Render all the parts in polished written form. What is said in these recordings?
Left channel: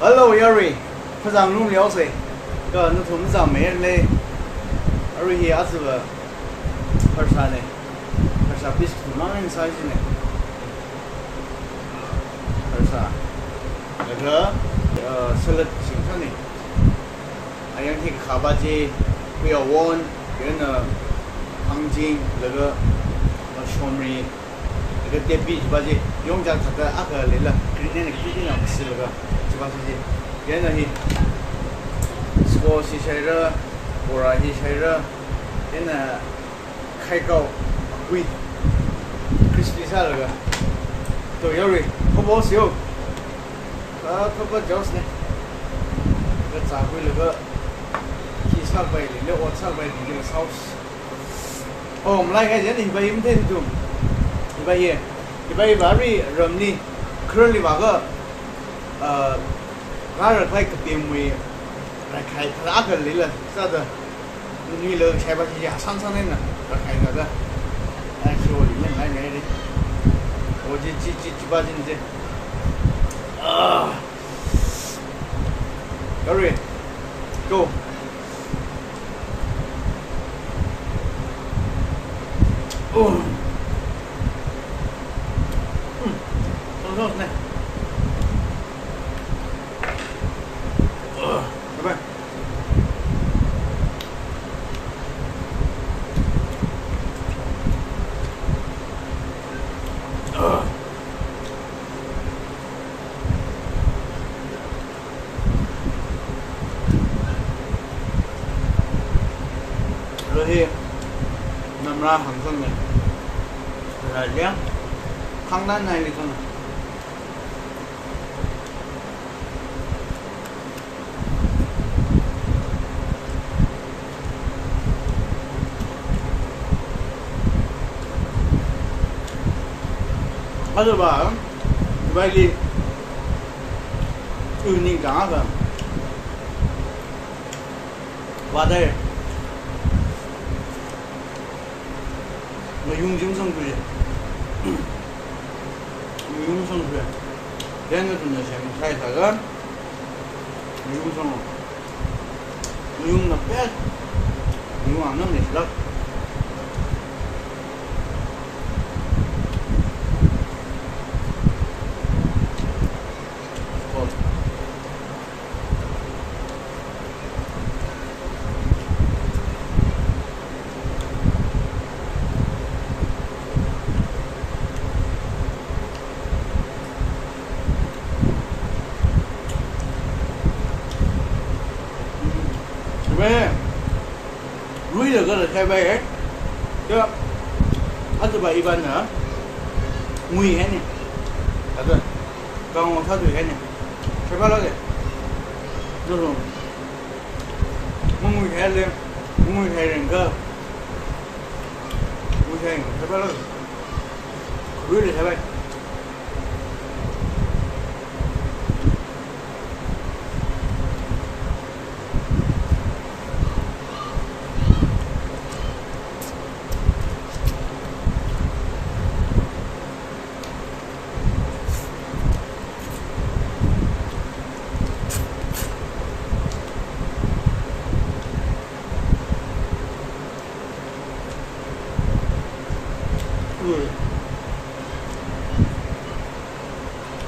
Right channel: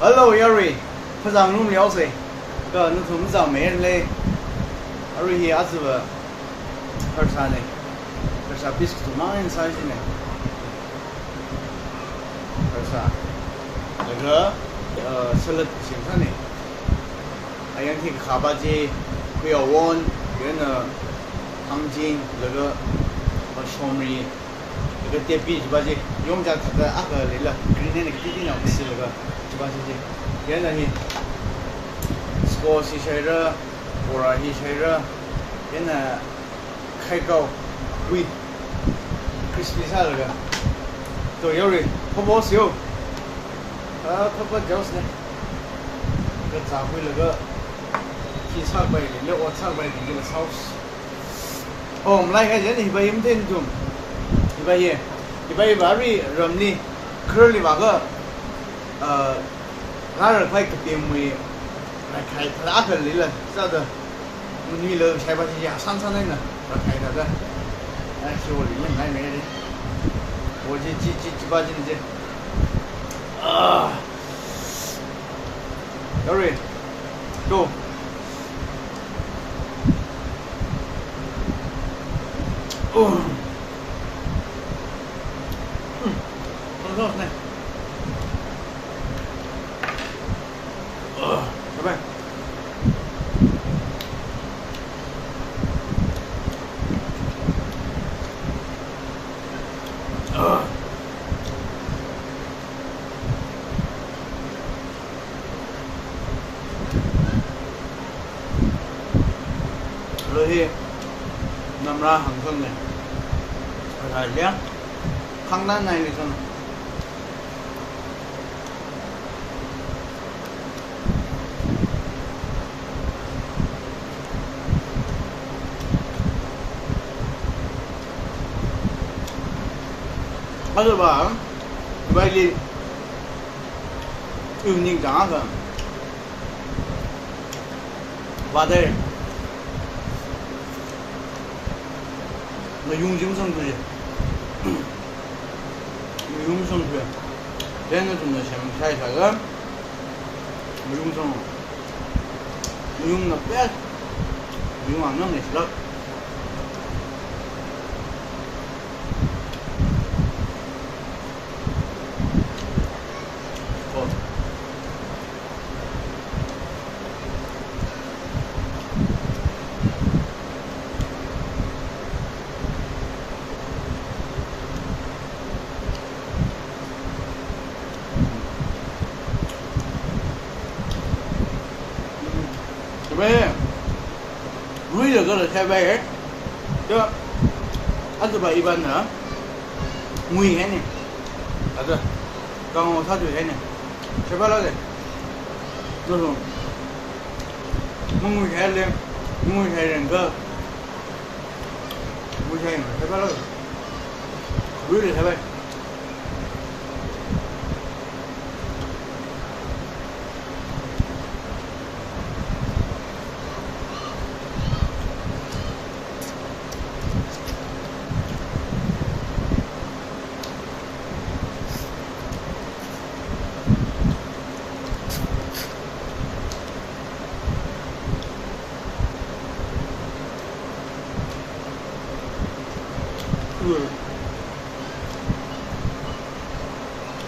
Hello, Yuri. 不让我们聊噻，哥，你从不找没人嘞？而且也是不，还是啥呢？还是啥比是哪人啥子呢？还是啥？那个吃了清楚呢。还有那个卡巴鸡，不要忘，跟那糖精那个小米，那个点比鸡巴鸡，用家他的那个来了，给你那个弟弟那不是那个鸡巴鸡，跟那些。Squash şeyleri, burahi şeyleri, yine kaygao, wheat, crispy sao rồi, rồi Yuri, không bao nhiêu, không bao nhiêu này, cái giá quý là cái khi sao vậy, liệu ở sao vậy thì cái sauce, hôm nay cái gì thì bây giờ mình dùng, thì bây giờ vari ramni, curly và cái, cái là phải cái tiệm mì来开他那个来了，啥子？女楼开把起呀，上的呢，要开啥子？哎，去我里面买没的，我几把斤的啊 ，Gary, go。哦，走来。拜拜。rồi thì nằm ra hàng xuân này phải liếng khăn đan này thì xuân này bắt đầu bảo bay đi nhìn cá rồi vào đây 뭐 용증성도 용성도 얘는 좀 넣으시면 차에다가 용성 용 넣어 빼 용안 넣으면 싫어 왜 루이를 그걸 해봐야 저 아주바 이반나 무이 해니 아주 강호 사주 해니 해봐라게 너도 무이 해래 무이 해는 거 무이 해는 거 해봐라게 루이를 해봐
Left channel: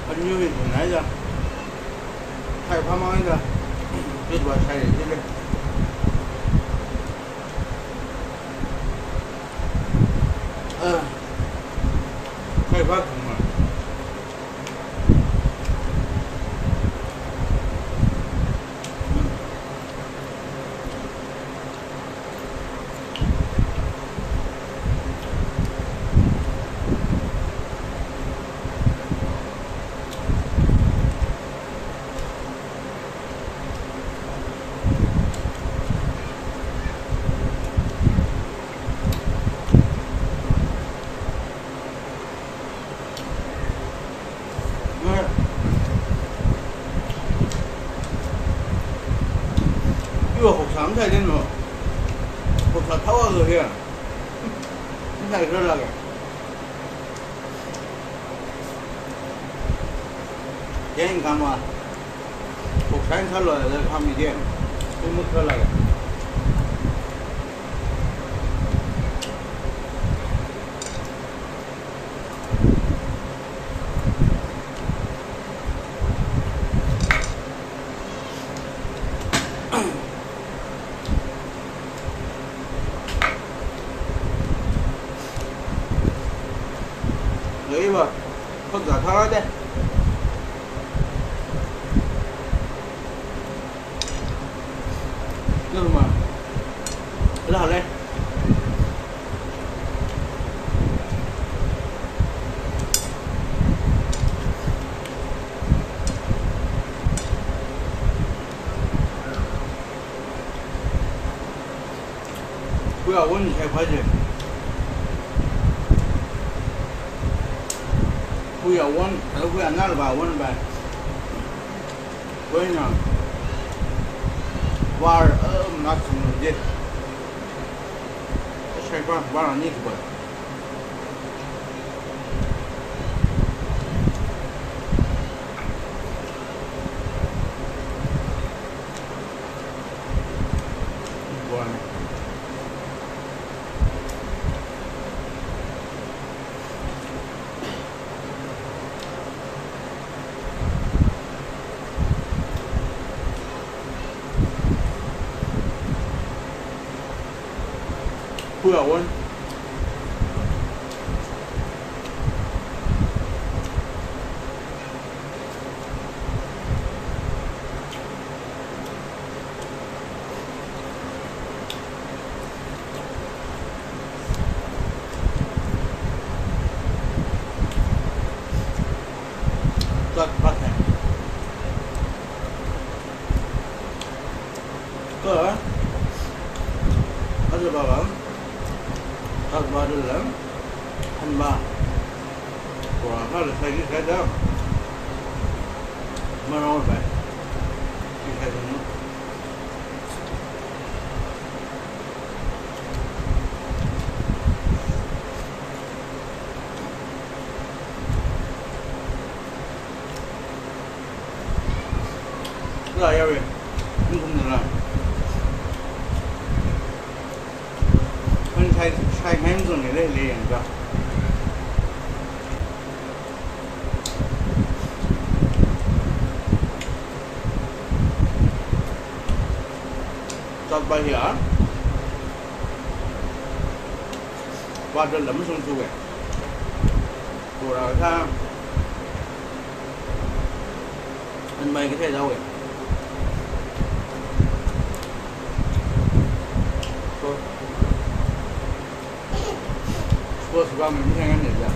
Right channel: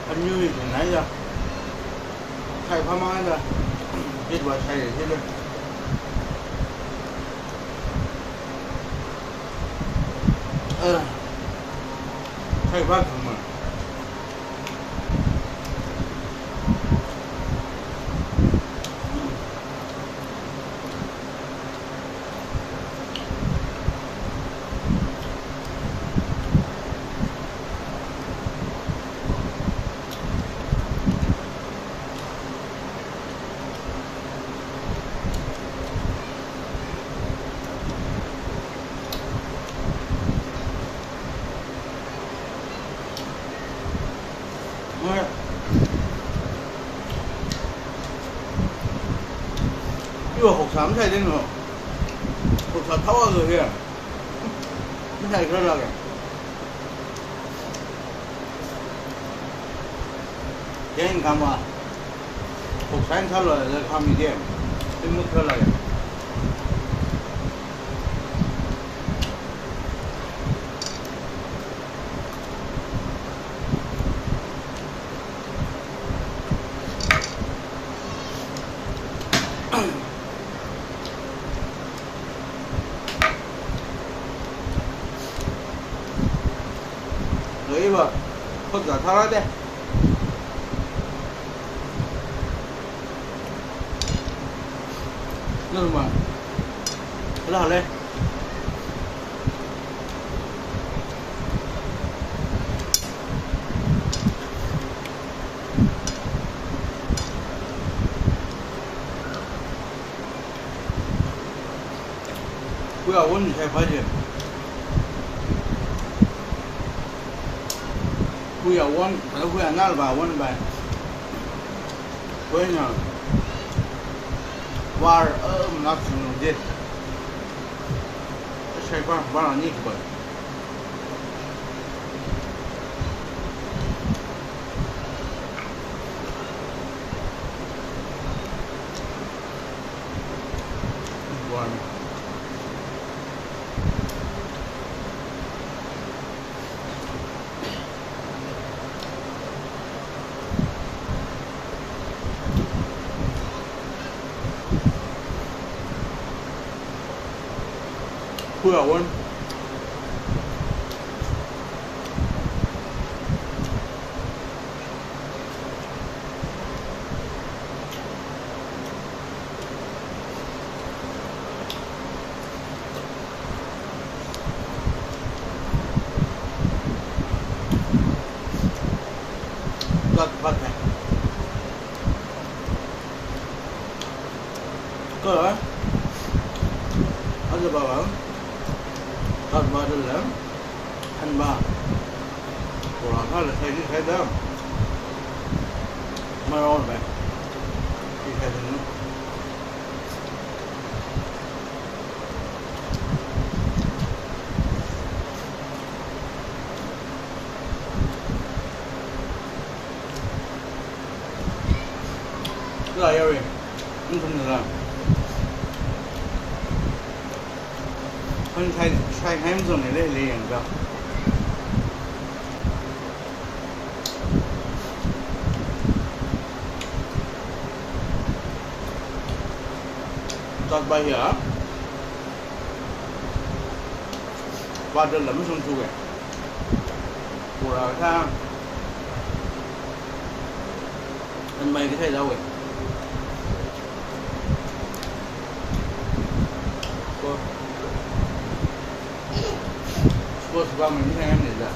anh như thì nãy giờ thay pha măng ra biết bà thay để thế lên thay pha thằng mà 이거 혹삼 사야 되노? 혹삼 타와서 해. 인사에 그러려게. 여행 가면 국산철로 하면 돼. 묵묵하게. lấy vào con giả thao đây nhưng mà cái nào đây不要问你才发现。 Kuya one, kalau kuya nal ba one ba. Kuya na war not sunu je. Saya ba ni ke ba. Buana. Kuya one. Rất vất này. Có rồi. Ở đây bảo bảo. Thật ba đơn lắm, hành ba, của nó là thay đi thay đó, mà rồi vậy, đi thay nữa, rồi yêu đi, không được làm. Sai hem dùng để liền rồi. Chọn bài hiểu. Và đơn lắm xong chu vậy. Của là sao? Anh mày cái thay đâu vậy? Bos gua mình thấy em này giờ.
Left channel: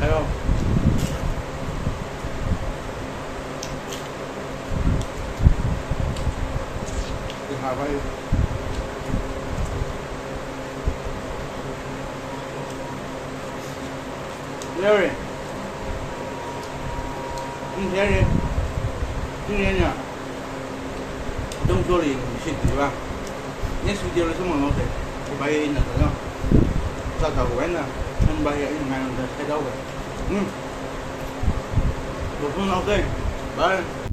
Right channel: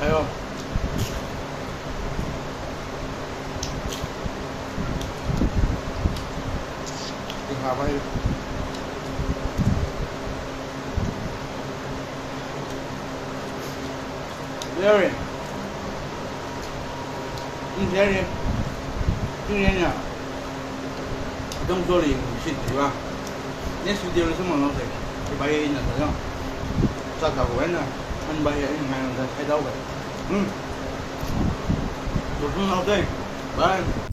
Thấy không? Đi hòa bay. Đây rồi. Đi thế đi. Đi thế nhá. Don't go đi, shit đi ba. Next video là xong rồi nó sẽ cái bay là thôi không? Sao tao quen nè. Anh bay ở ngày nào thấy đâu vậy? Được không nào đây? Bye.